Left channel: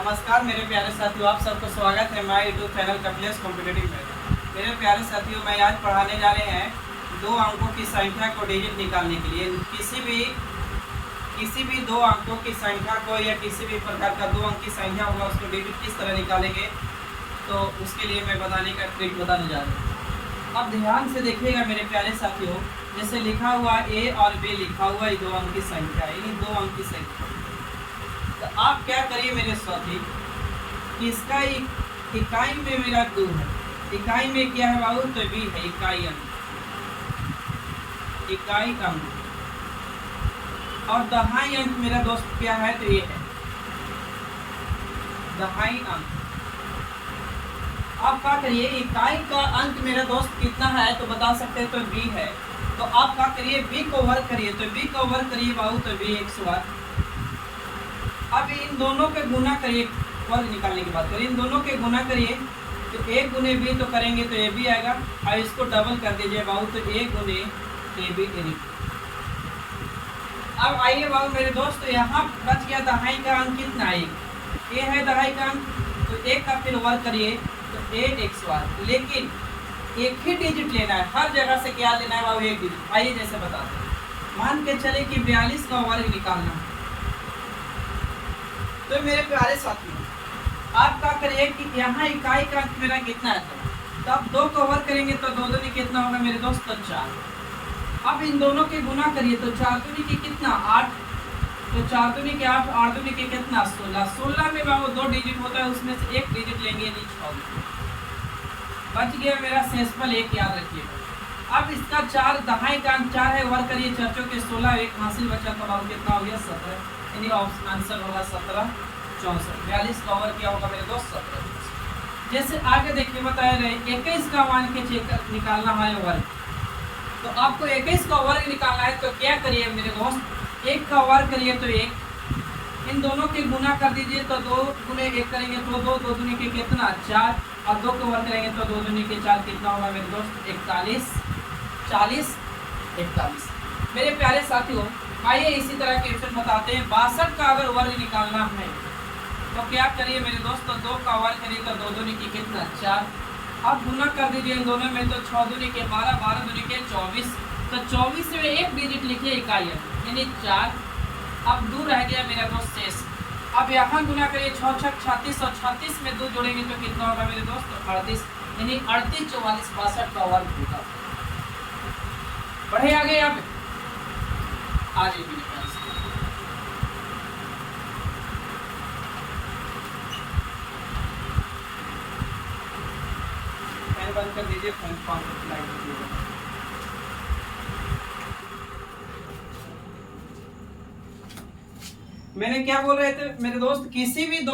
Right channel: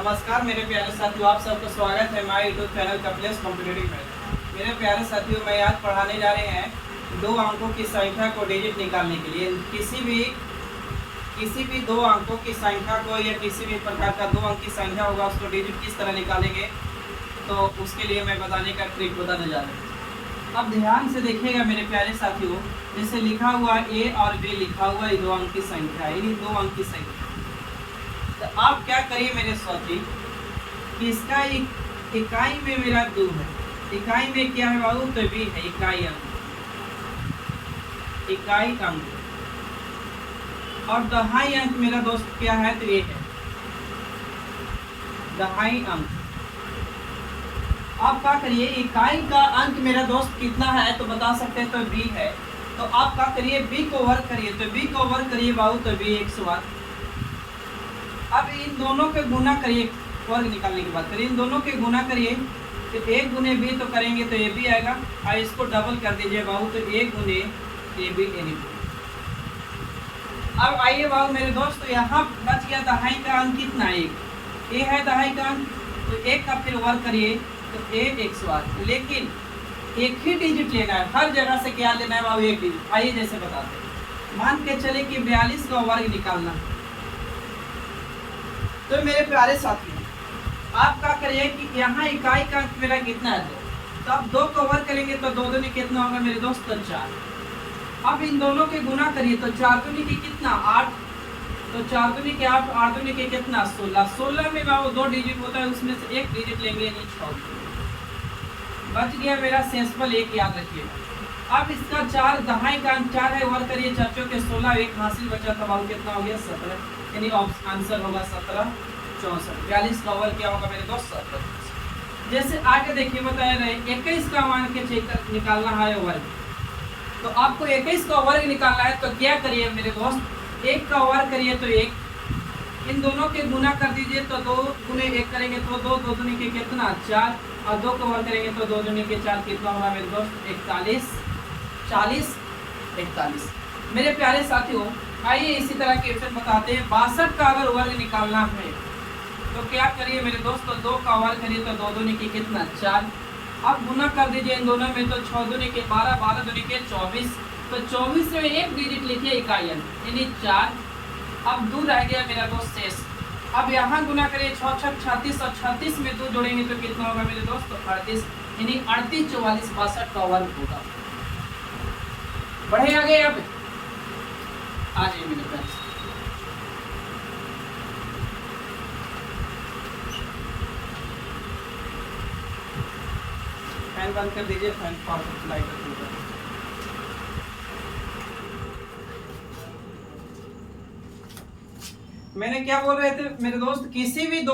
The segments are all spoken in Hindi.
नमस्कार मेरे प्यारे साथियों, आप सबका स्वागत है हमारे यूट्यूब चैनल कपिलेश कॉम्पिटिटिव में। मेरे प्यारे साथियों, मैं आज पढ़ाने जा रहे हैं दो अंकों की संख्या को डिजिट निकालने के लिए। किसी भी दो अंकों की संख्या को या किसी भी प्रकार का दो अंक की संख्या होगा उसको डिजिट किस तरह निकालेंगे, तो उसके लिए मैं बताने का ट्रिक बताने जा रहा हूँ। अब ध्यान से देखिएगा मेरे प्यारे साथियों, जैसे लिखा हुआ ए और बी लिखा हुआ है, दो अंक की संख्या, यानी दो अंक की संख्या। तो आप क्या करिए मेरे साथी कि इसका इकाई में मेरा 2 है, इकाई में क्या है बाबू, तो बी है, इकाई अंक, इकाई अंक। और दहाई अंक मेरा दोस्त क्या है, तो ये है दहाई अंक। आप क्या करिए, इकाई का अंक मेरा दोस्त कितना है तो बता सकते हैं, तो बी है। तो आप क्या करिए, बी को वर्ग करिए, तो बी को वर्ग करिए बाबू, तो बी 108। अब इन दोनों के गुना करिए, वर्ग निकालने की बात करिए, इन दोनों के गुना करिए, तो a गुने बी तो करेंगे तो ए बी आएगा, और इसको डबल कर दीजिए बाबू, तो a गुने ए बी यानी। अब आइए बाबू मेरे दोस्त, तो यहाँ बच गया दहाई का अंक कितना है, एक a है दहाई का अंक, तो एक का फिर वर्ग करिए तो a 108। लेकिन एक ही डिजिट लेना है, हर जगह से क्या लेना है बाबू, एक डिजिट। आइए जैसे बताते हैं, मान के चले कि 42 का वर्ग निकालना है। तो मेरे प्यारे साथियों, आप क्या करिए कि यहाँ इकाई का अंक मेरा कितना है, 2। तो आप 2 को वर्ग करेंगे तो 2 दूनी कितना होगा मेरे दोस्त, तो 4। अब इन दोनों के गुना करिए, तो 4 दूनी की कितना 8, तो 4 दूनी के 8, 8 दूनी के कितना 16। 16 में बाबू 2 डिजिट होता है, उसमें से एक डिजिट लेंगे, यानी 6। बच गया मेरा शेषफल 1, याद रखिएगा। अब इसका 4 दहाई का अंक 4 है, वर्ग करिए 4 के 16, एक हासिल बचा तो बाबू कितना हो गया 17, यानी आंसर होगा 17 64। 42 का वर्ग क्या होगा मेरे दोस्त, 17। जैसे आगे देखिए बताया रहे 21 का मान के निकालना है वर्ग, तो आपको 21 का वर्ग निकालना है, तो क्या करिए मेरे दोस्त, 1 का वर्ग करिए तो 1, इन दोनों के गुना कर दीजिए, तो 2 गुने 1 करेंगे तो 2, 2 दूनी के कितना 4, और 2 को वर्ग करेंगे तो 2 दूनी के 4, कितना होगा मेरे दोस्त 41, 40 41। मेरे प्यारे साथियों, आइए इसी तरह के क्वेश्चन बताते हैं। 62 का अगर वर्ग निकालना है तो क्या करिए मेरे दोस्त, तो 2 का वर्ग करिए तो 2 दूनी की कितना 4, अब गुना कर दीजिए इन दोनों में, तो 6 दूनी के 12, 12 दूनी के 24, तो 24 में एक डिजिट लिखिए इकाई अंक, यानी 4। अब 2 रह गया मेरा दोस्त शेष। अब यहाँ गुना करिए 6 6 36, और 36 में 2 जोड़ेंगे तो कितना होगा मेरे दोस्त, 38, यानी 38 44 62 का वर्ग होगा। बढ़े आगे, अब आगे मेरे पास फैन बंद कर दीजिए, फैन लाइट दीजिए। मैंने क्या बोल रहे थे मेरे दोस्त, किसी भी दो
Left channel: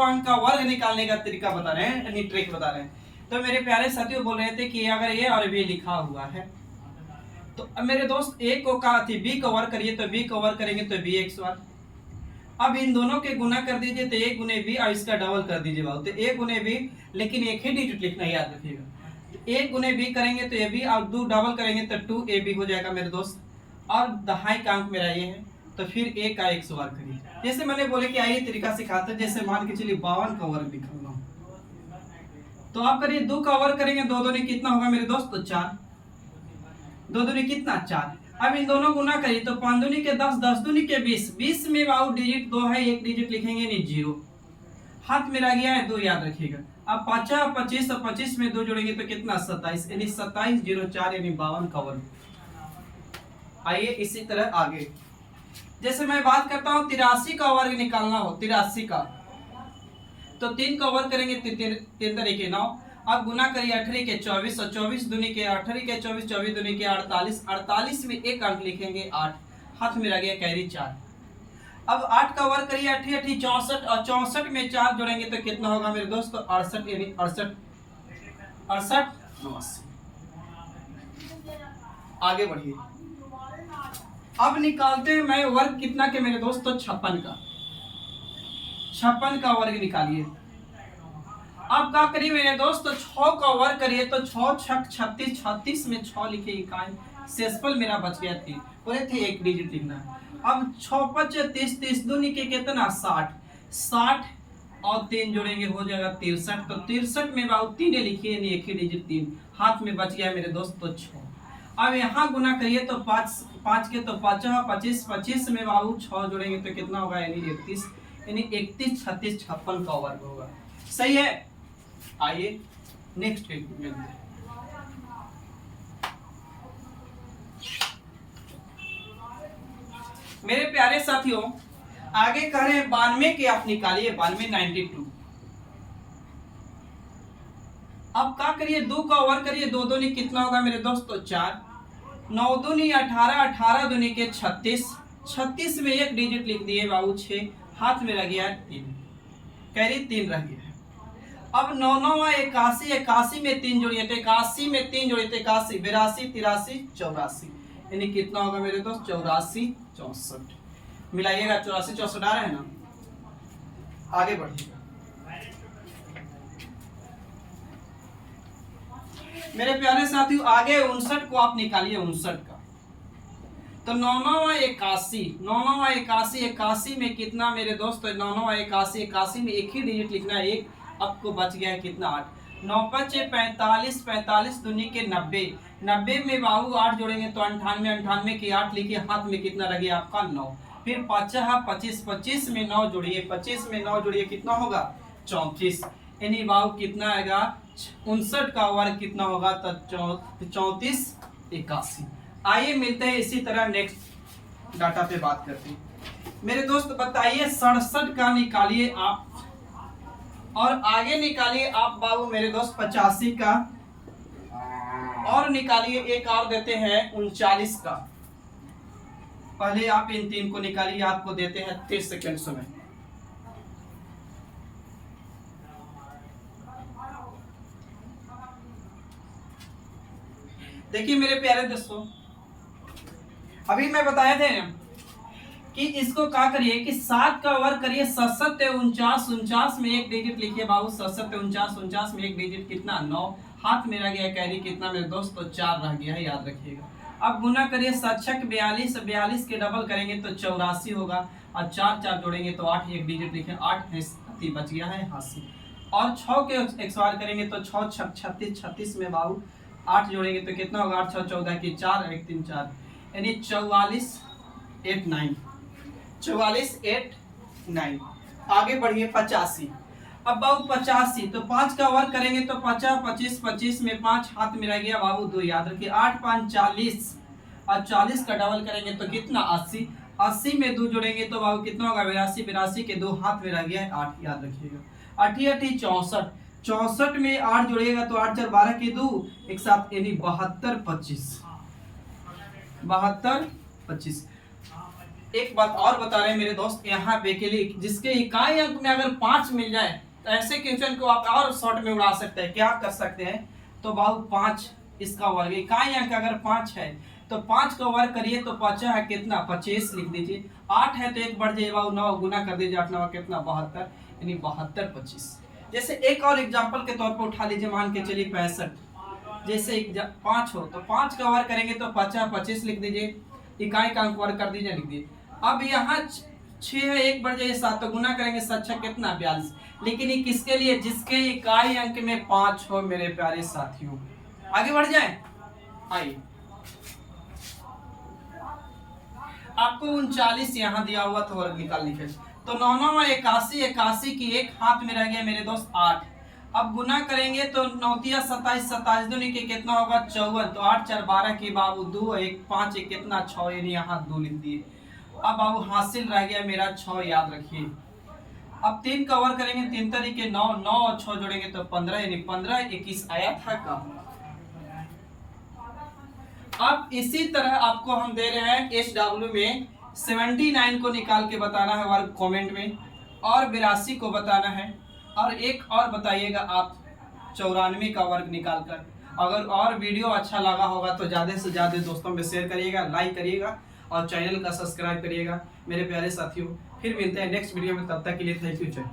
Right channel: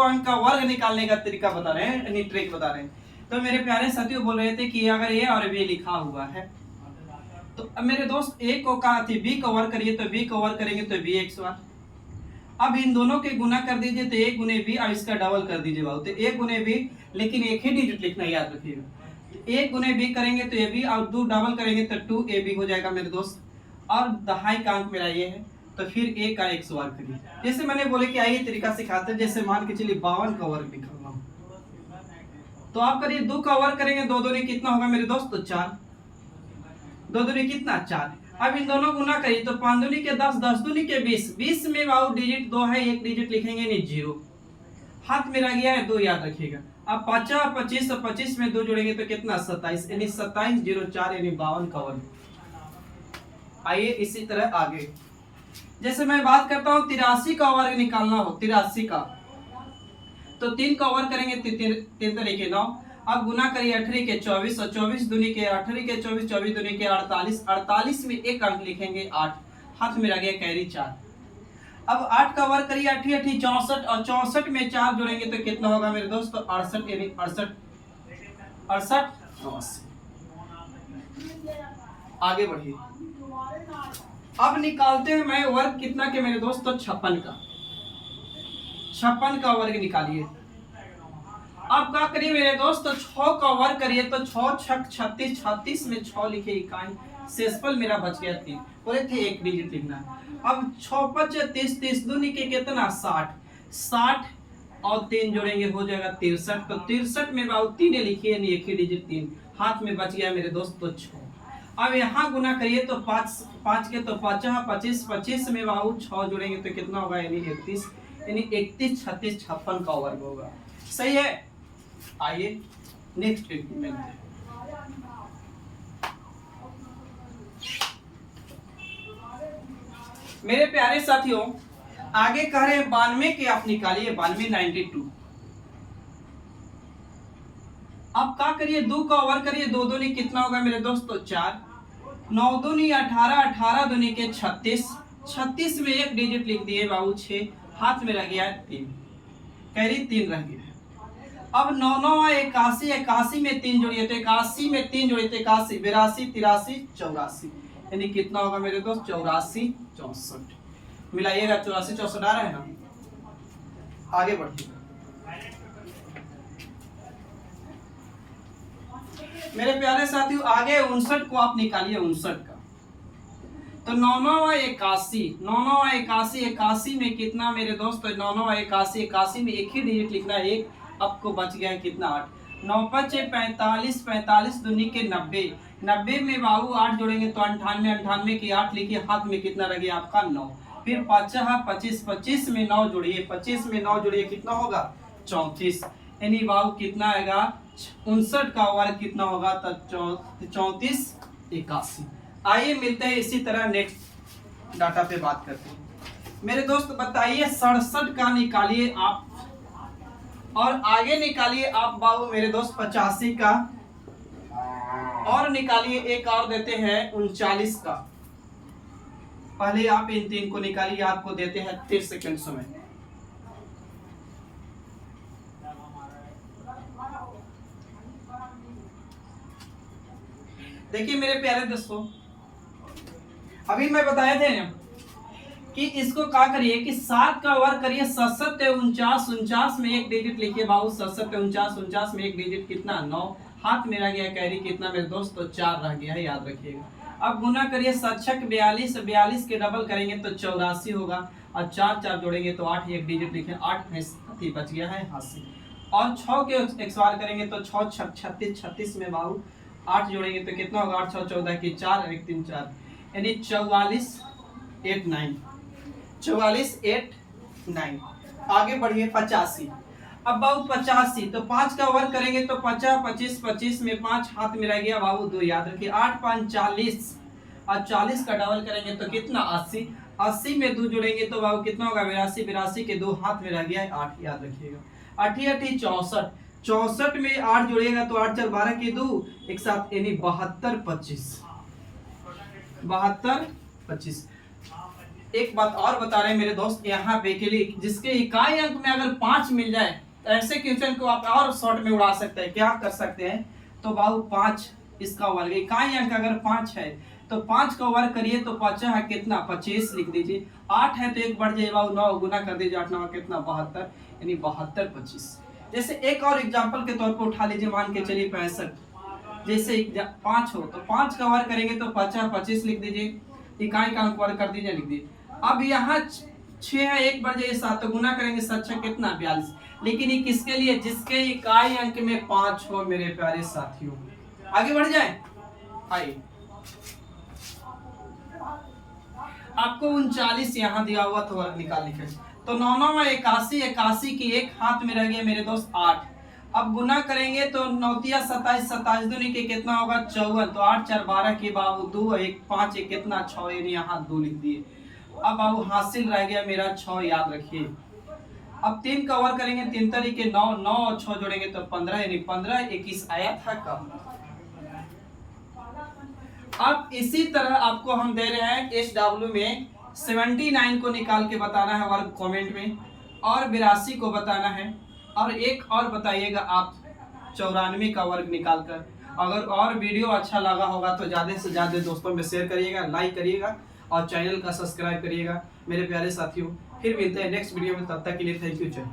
अंक का वर्ग निकालने का तरीका बता रहे हैं, यानी ट्रिक बता रहे हैं। तो मेरे प्यारे साथियों बोल रहे थे कि अगर ए और बी लिखा हुआ है, तो अब मेरे दोस्त ए को कहा थी बी को वर्ग करिए, तो बी को वर्ग करेंगे तो बी 108। अब इन दोनों के गुना कर दीजिए, तो ए गुने बी, और इसका डबल कर दीजिए बाबू, तो ए गुने बी, लेकिन एक ही डिजिट लिखना, याद रखिएगा। ए गुने बी करेंगे तो ए बी, और 2 डबल करेंगे तो 2 ए बी हो जाएगा मेरे दोस्त। और दहाई का अंक मेरा ये है, तो फिर ए का 108 करिए। जैसे मैंने बोले कि आइए तरीका सिखाते हैं। जैसे मान के चलिए 52 का वर्ग निकालना हो, तो आप करिए 2 का वर्ग करेंगे, 2 दूनी कितना होगा मेरे दोस्त, तो 4, 2 दूनी कितना 4। अब इन दोनों गुना करिए, तो 5 दूनी के 10, 10 दूनी के 20, 20 में बाबू डिजिट 2 है, एक डिजिट लिखेंगे नहीं 0, हाथ में रह गया है 2, याद रखिएगा। अब 5 25, तो 25 में 2 जोड़ेंगे तो कितना 27, यानी 27 04, यानी 52 का वर्ग। आइए इसी तरह आगे, जैसे मैं बात करता हूँ 83 का वर्ग निकालना हो, 83 का, तो 3 का वर्ग करेंगे 3 तरीके 9। अब गुना करिए 18 के 24, और 24 दूनी के 18 के 24, 24 दूनी के 48, 48 में एक अंक लिखेंगे 8, हाथ में रह गया कैरी 4। अब 8 का वर्ग करिए 8 8 64, और 64 में 4 जोड़ेंगे तो कितना होगा मेरे दोस्त, तो 68, यानी 68 68। आगे बढ़िए, अब निकालते हैं मैं वर्ग कितना के मेरे दोस्त, तो 56 का, 56 का वर्ग निकालिए। अब क्या करिए मेरे दोस्त, तो 6 का वर्ग करिए, तो 6 6 36, 36 में 6 लिखे इकाई, शेषफल मेरा बच गया 3, बोले थे एक डिजिट लिखना। अब 6 5 30, 30 दूनी के कितना 60, 60 और 3 जोड़ेंगे हो जाएगा 63। तो 63 में बाबू 3 लिखिए, यानी एक ही डिजिट 3 हाथ में बच गया मेरे दोस्त, तो 6। अब यहाँ गुना करिए तो 5 के तो 5 25, 25 में बाबू 6 जोड़ेंगे तो कितना होगा, यानी 31, यानी 31 36 56 का वर्ग होगा। सही है। आइए नेक्स्ट ट्रिक में मिलते हैं। मेरे प्यारे साथियों, आगे कह रहे हैं 92 के आप निकालिए, 92 92। अब क्या करिए, 2 का वर्ग करिए, 2 दूनी कितना होगा मेरे दोस्त, तो 4, 9 दूनी 18, 18 दूनी के 36, 36 में एक डिजिट लिख दिए बाबू 6, हाथ में रह गया 3, कैरी 3 रह गया है। अब 9 9 81, 81 में 3 जोड़िए तो 81 में 3 जोड़िए तो 81, 82 83 84, यानी कितना होगा मेरे दोस्त, 84 64। मिलाइएगा, 84 64 आ रहा है ना। आगे बढ़िएगा मेरे प्यारे साथियों, आगे 59 को आप निकालिए, 59 का। तो 9 9 81, 9 9 81, 81 में कितना मेरे दोस्त, 9 9 81, 81 में एक ही डिजिट लिखना है, एक। आपको बच गया है कितना, 8, 9 5 45, 45 दूनी के 90, 90 में बाबू 8 जोड़ेंगे तो 98, 98 की 8 लिखिए, हाथ में कितना रह गया आपका 9, फिर 5 25, 25 में 9 जोड़िए, 25 में 9 जोड़िए कितना होगा, 34, यानी बाबू कितना आएगा, 59 का वर्ग कितना होगा, तो 34 81। आइए मिलते हैं इसी तरह नेक्स्ट डाटा पे बात करते हैं। मेरे दोस्त बताइए 67 का निकालिए आप, और आगे निकालिए आप बाबू मेरे दोस्त 85 का, और निकालिए एक और देते हैं 39 का। पहले आप इन 3 को निकालिए, आपको देते हैं 30 सेकंड समय। देखिए मेरे प्यारे दोस्तों, अभी मैं बताया थे कि इसको क्या करिए कि 7 का वर्ग करिए, 7 49, 49 में एक डिजिट लिखिए बाबू, 7 49, 49 में एक डिजिट कितना, 9, हाथ में रह गया कैरी कितना मेरे दोस्त, तो 4 रह गया है, याद रखिएगा। अब गुना करिए, 7 6 42, 42 के डबल करेंगे तो 84 होगा, और 4 4 जोड़ेंगे तो 8, एक डिजिट लिखे, 8 बच गया है 80, और 6 के एक्सवार करेंगे तो 6 6 36, 36 में बाबू 8 जोड़ेंगे तो कितना होगा, 8 6 14 की 4, 1 3 4, यानी 44 8 9, 44 8 9। आगे बढ़िए 85। अब बाबू 85 तो 5 का वर्ग करेंगे तो 50 25, 25 में 5 हाथ में रह गया बाबू 2, याद रखिए, 8 5 40, और 40 का डबल करेंगे तो कितना 80, 80 में 2 जोड़ेंगे तो बाबू कितना होगा 82, 82 के 2 हाथ में रह गया है 8, याद रखिएगा। 8 8 64, 64 में 8 जोड़िएगा तो 8 4 12 के 2 एक साथ, यानी 72 25, 72 25। एक बात और बता रहे हैं मेरे दोस्त, यहाँ पे के लिए जिसके इकाई अंक में अगर 5 मिल जाए तो ऐसे क्वेश्चन को आप और शॉर्ट में उड़ा सकते हैं। क्या कर सकते हैं, तो बाबू 5 इसका वर्ग, इकाई अंक अगर 5 है तो 5 का वर्ग करिए तो 5 है कितना 25 लिख दीजिए, 8 है तो एक बढ़ जाए बाबू 9 गुना कर दीजिए, 8 9 कितना 72, यानी 72 25। जैसे एक और एग्जाम्पल के तौर पर उठा लीजिए, मान के चलिए 65, जैसे 5 हो तो 5 का वर्ग करेंगे तो 5 25 लिख दीजिए, इकाई का अंक वर्ग कर दीजिए, लिख दिए। अब यहाँ 6 है, एक बढ़ जाए 7, तो गुना करेंगे 7 6 कितना 42, लेकिन ये किसके लिए, जिसके इकाई अंक में 5 हो मेरे प्यारे साथियों। आगे बढ़ जाए, आइए आपको 39 यहाँ दिया हुआ तो वर्ग निकाल लीजिए, तो 9 9 81, 81 की एक हाथ में रह गया मेरे दोस्त 8। अब गुना करेंगे तो 9 27, 27 दूनी के कितना होगा 54, तो 8 4 12 के बाबू 2 1 5 1 कितना 6, यानी यहाँ 2 लिख दिए। अब बाबू हासिल रह गया मेरा 6, याद रखिए। अब 3 का वर्ग करेंगे 3 तरीके 9, 9 और 6 जोड़ेंगे तो 15, यानी 15 21 आया था कब। अब इसी तरह आपको हम दे रहे हैं SW में 79 को निकाल के बताना है वर्ग कमेंट में, और 82 को बताना है, और एक और बताइएगा आप 94 का वर्ग निकाल कर। अगर और वीडियो अच्छा लगा होगा तो ज़्यादा से ज़्यादा दोस्तों में शेयर करिएगा, लाइक करिएगा, और चैनल का सब्सक्राइब करिएगा मेरे प्यारे साथियों। फिर मिलते हैं नेक्स्ट वीडियो में, तब तक के लिए थैंक यू।